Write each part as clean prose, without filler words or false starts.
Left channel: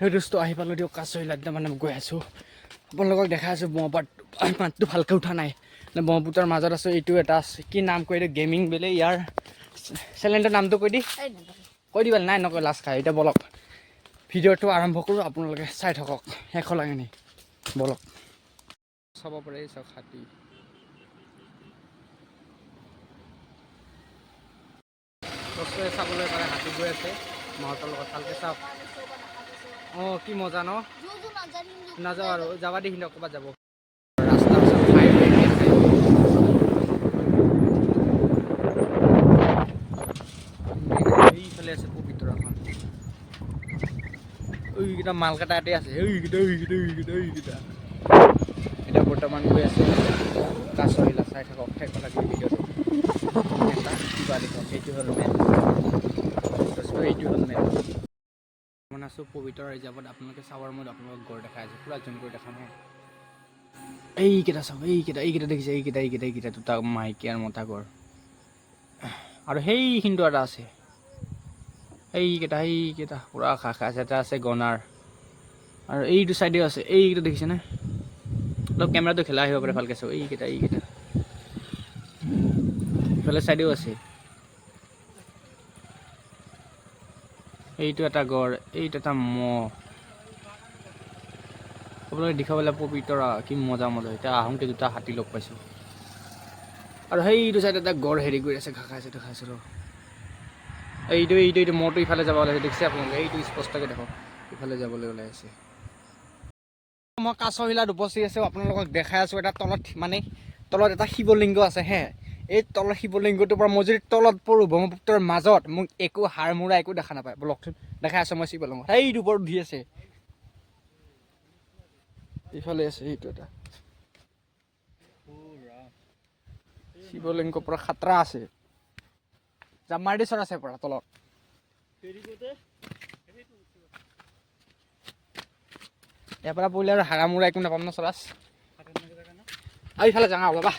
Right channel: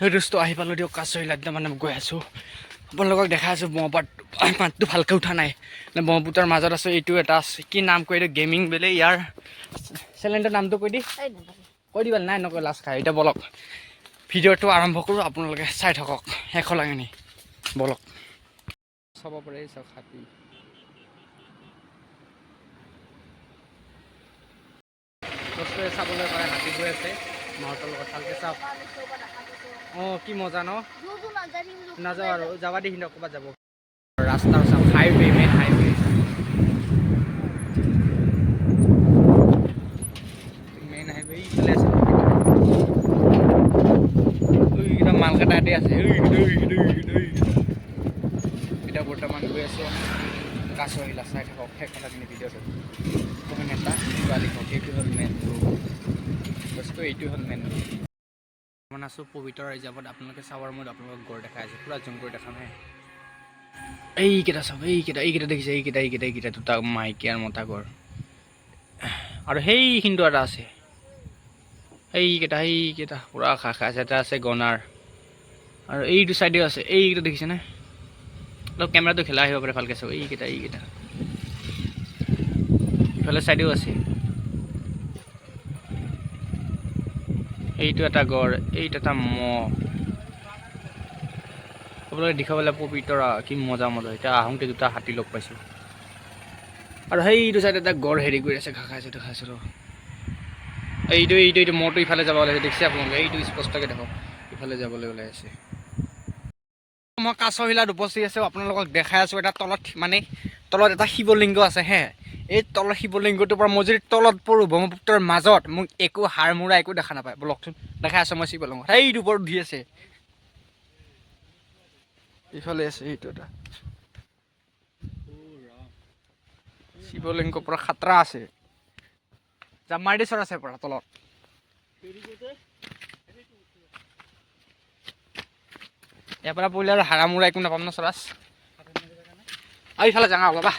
সেই দোস্ত আহি পালোঁ দিয়ক কাছৰিলা একদম মানে গৈ আছোঁ আপোনালোকক দেখাই আছোঁ ব্ৰহ্মপুত্ৰ মাতটো ভালকৈ উঠা নাই ব্ৰহ্মপুত্ৰৰ মাজত আছোঁ এইটো এটা আছে কি নাম কৈ দিওঁ গেমিং বোলে ইয়াৰ চেনেলটোৰ নামটো কৈ দিবা নাই নকয় লাষ্ট খাই এতিয়া বলক ভিডিঅ'টো আৰম্ভ কৰোঁ আপোনালোকে চাই থাকক শেষলৈকে নি বলক চাব পাৰে চাওক হাতী বস্তুৱে চাবলৈ পাৰে হাতী গৈ আছে মাহঁতৰ লগত ভালকৈ চাওক অঁ কি মজা ন নাযাওঁ আৰু যাবা দি সিহঁতক ক'ৰবাত যাব ৰাস্তাৰ চাওক হাইৱে মেইন হাইৱে এইফালে আছে এইকেইটা মালকেইটা ইয়াতে আছে এতিয়া বৰ্তমান গৈ আছোঁ কাছৰিলা চাই থাকক সেইফালে ভিডিঅ'টো এটা কিবা লিখক এইটো হ'ল মেইন বস্তু এইটো হ'ল মেইন মই আছোঁ পবিত্ৰ ৰিজাৰ্ভত আপোনালোকে চাবৰ মত আপোনালোকক গড় দেখাই আছে পূৰা জুম কৰি দেখা নাই এইকেইটা চাওক এইকেইটা দেখিছে এইকেইটা দুটা মাইকী আৰু মতা গড় আৰু সেইখিনিতো এটা আছে সেইকেইটা পূৰা খাই আছে এটা আছে গনাৰ আৰু এইটো চাইডেও আছে এইকেইটা দেখিছেনে অলপ কেমেৰাটো খেলা আহিব পাৰে ভালকৈ চাওক এইকেইটা ইফালে চাইডেও আছে এইটো এটা গড় এইটো এটা মহ আপোনালোকে দেখাবলৈ পবিতৰা কি মজা এতিয়া আহোঁতে দুটা হাতী লগ পাইছোঁ আৰু সেইটো চাইডে এটা গড় হেৰি কৰি আছে ঘাঁহ খাইছোঁ দেখাইছোঁ এইটো মহটো ইফালে যাব ওলাইছে দেখিছে আপোনালোকে এইটো স্পষ্টকৈ দেখক ইফালে যাবলৈ ওলাই আছে মই কাছৰিলাত উপস্থিত আছোঁ আপোনালোকক দেখাই আছোঁ এটা তলত এটা শিৱলিংগ আছে হে এই তলৰ শিৱলিংগটোৰ পৰা মই যদি তলত পৰোঁ ব্ৰহ্মপুত্ৰৰ মাজত মোক একো হাৰ মূৰা একো দেখা নাপায় বলকচোন দেখাই আছোঁ মই শিৱলিংগ সেইটো ওপৰত উঠি আছে ইফালে আছে সেইটো এটা শিৱলিংগ পৰা খাতৰা আছে জামাৰডি চৰ আছে পৰা তলত ইয়াৰ পৰা পৰিলে আৰু হাৰা মূৰা একো নাপাম ন চৰাচ আৰু ইফালে যাওঁ বাবা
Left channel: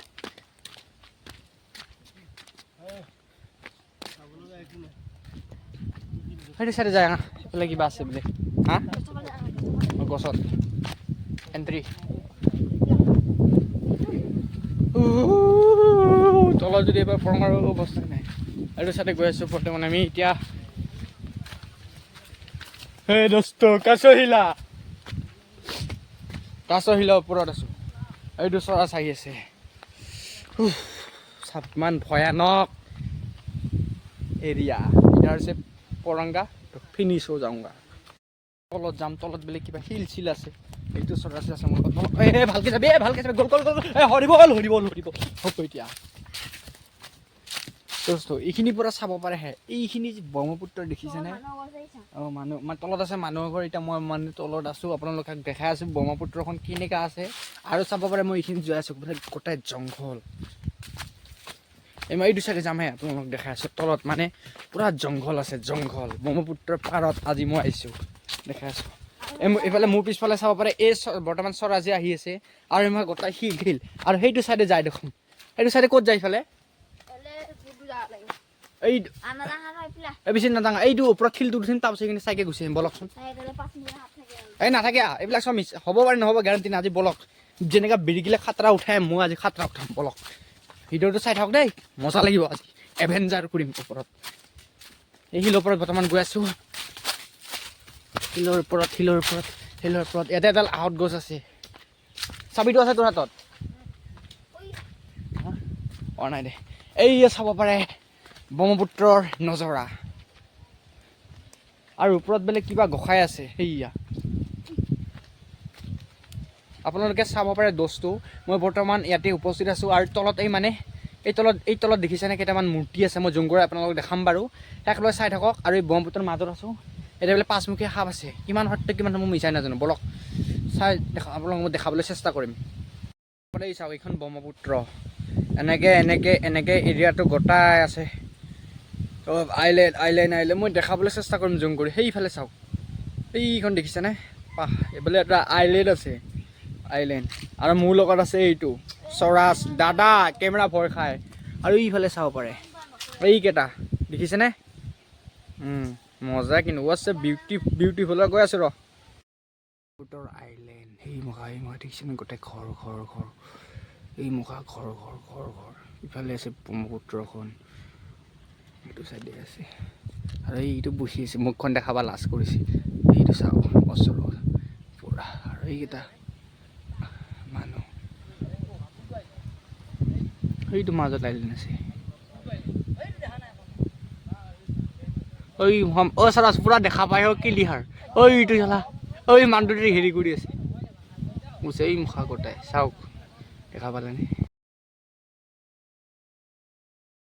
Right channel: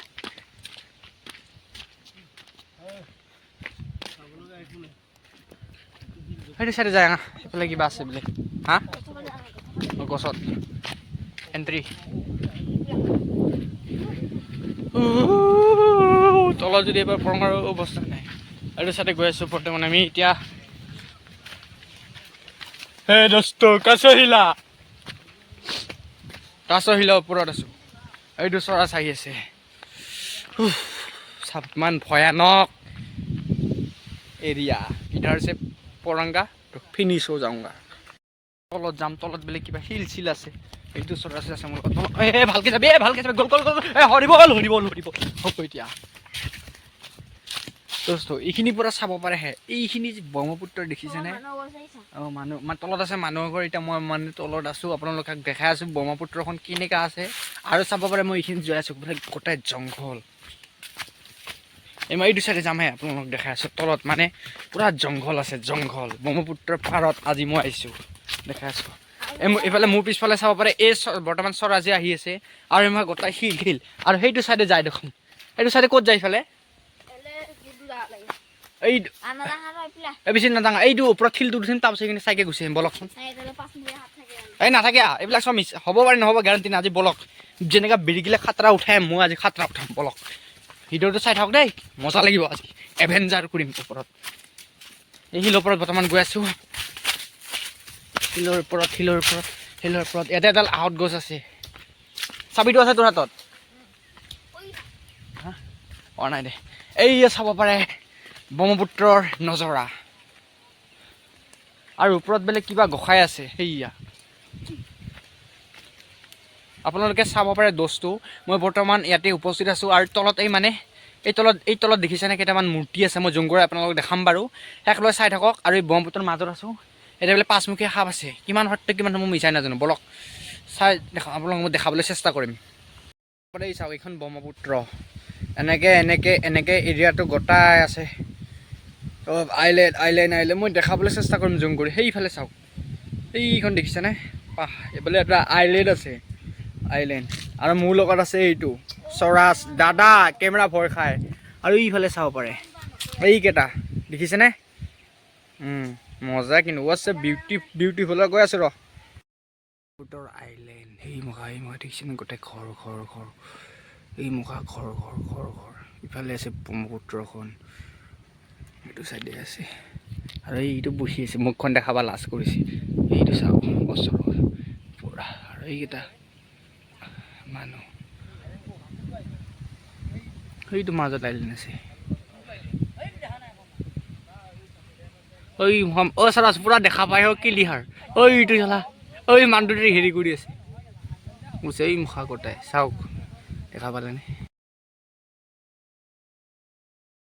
সেইটো চাইডে যায় সেইফালে কিবা আছে বোলে হা গছত এণ্ট্ৰি তলত যদি এবাৰ পৰঙাৰ অৱস্থা নাই এইটো চাইডে গৈ আছোঁ বৰ্তমান আমি এতিয়া হে দোস্ত কাছৰিলা ওপৰত আছোঁ এইটো চৰাচ আহি আছে ইমান ভয়ানক এৰিয়া ইধাৰ চে পৰংগা ফিনিছ হৈ যাওঁগা তলত যাম তলত বোলে কিবা শিল চিল আছে এইটো চৰাচ আছে মোৰ লগত ভালকৈ যাবি গ'ল হৰিব হ'ব এতিয়া দোস্ত এইখিনিৰ পৰা চাব পাৰে হে এইখিনি যে ব্ৰহ্মপুত্ৰ দেখিছেনে অঁ মানুহ তলত আছে মানুহৰ ঘৰ এতিয়া মই মানে তলত আছোঁ আপোনালোকক দেখাই আছোঁ ব্ৰহ্মপুত্ৰখন কেনেকুৱা আছে আৰু চাব পাৰে মই এইখিনি যাই আছোঁ বোলে গোটেই জংঘল মই এইটো চাইডে যামহে আপোনালোকক দেখাই আছোঁ তলত মানে পূৰা জংঘল আছে ব্ৰহ্মপুত্ৰৰ পাৰত আজি মই আহিছোঁ দেখাই আছোঁ এইফালে মোৰ পিছফালে চাব পাৰে এই বৰ্তমান চৰাজে আহি আছে আৰু মই গোটেই শিল আৰু সেইটো চাইডে যায় দেখোন সেইটো চাইডে ক'ত যায় ইফালে এই বেছি নাজানো এইটো ওপৰত শিলটো উঠিম তাৰপিছত এইখিনি চাইকে গুচি আহিম বলকচোন এই নাথাকে এইবিলাক চব মিছ হ'ব পাৰে নহ'ব গেৰাণ্টি নাই আজি বলক যেনেকৈ বিৰিকিলে খাতৰা উঠাই মই আজি খাতৰা উঠাম বলক ভিডিঅ'টো চাই থাকক দেই মজা লাগিব আজি এভেঞ্জাৰ কৰিম ওপৰত এই শিলৰ ওপৰত বৰ্তমান গৈ আছোঁ শিলৰ ওপৰত ইয়াতে এডাল আহঁত গছ আছে চাবিটো আছে তোৰ হাতত অঁ নাই দে এই চাব পাৰে ব্ৰহ্মপুত্ৰৰ নজৰা আৰু ওপৰত বোলে কিবা গোসাঁই আছে সেয়া আপোনালোকে চাব পাৰে দোষটো মই বৰ্তমান ইয়াতে উপস্থিত আছোঁ আৰু তলত এই তলত দেখিছেনে কেইটামান মূৰ্তি আছে মই জুম কৰি আপোনালোকক দেখাম বাৰু শেষলৈ চাই থাকক আৰু এই ব্ৰহ্মপুত্ৰৰ মাজত আছোঁ এতিয়া বোলে পাঁচমুখীয়া সাপ আছে কিমান সত্য কিমান মই মিছাই নাজানো বলক চাই আপোনালোকক মই দেখাবলৈ চেষ্টা কৰিম এই চাওক এইখন ব্ৰহ্মপুত্ৰ এনেকৈ এৰিয়াটো গোটাই আছে আইলেণ্ড মই দেখাবলৈ চেষ্টা কৰিম জুম কৰি সেইফালে চাওক এইখন দেখিছেনে এইফালে এটা আইলেণ্ড আছে আৰু মোৰ লগত আছে এইটো চৰাচ দাদা কেমেৰা ভয় খায় আৰু এইফালে চাব পাৰে এইকেইটা দেখিছেনে মজা কিন্তু ৱাটছ এ বিউটিফুল গৈ আছোঁ ৰ ব্ৰহ্মপুত্ৰৰ আইলেণ্ড এই মুখা দেখিছেনে গোটেই ঘৰ এই মুখা ঘৰ ইফালে আছে ব্ৰহ্মপুত্ৰখন এইটো চাইডে আছে আৰু এইটো বহি আছে মুখখন দেখাবা লাজ কৰিছে এইটো চাওক ওচৰত পুৰা আৰু এইকেইটা মানুহ এইটো মাজত আইলেণ্ড আছে চাৰা পুৰা দেখা পাই ক্লিয়াৰ এইটো চালা মানুহটোতে হেৰি কৰি আছে এই মুখা গোটাই চাওক দেখা পালেনে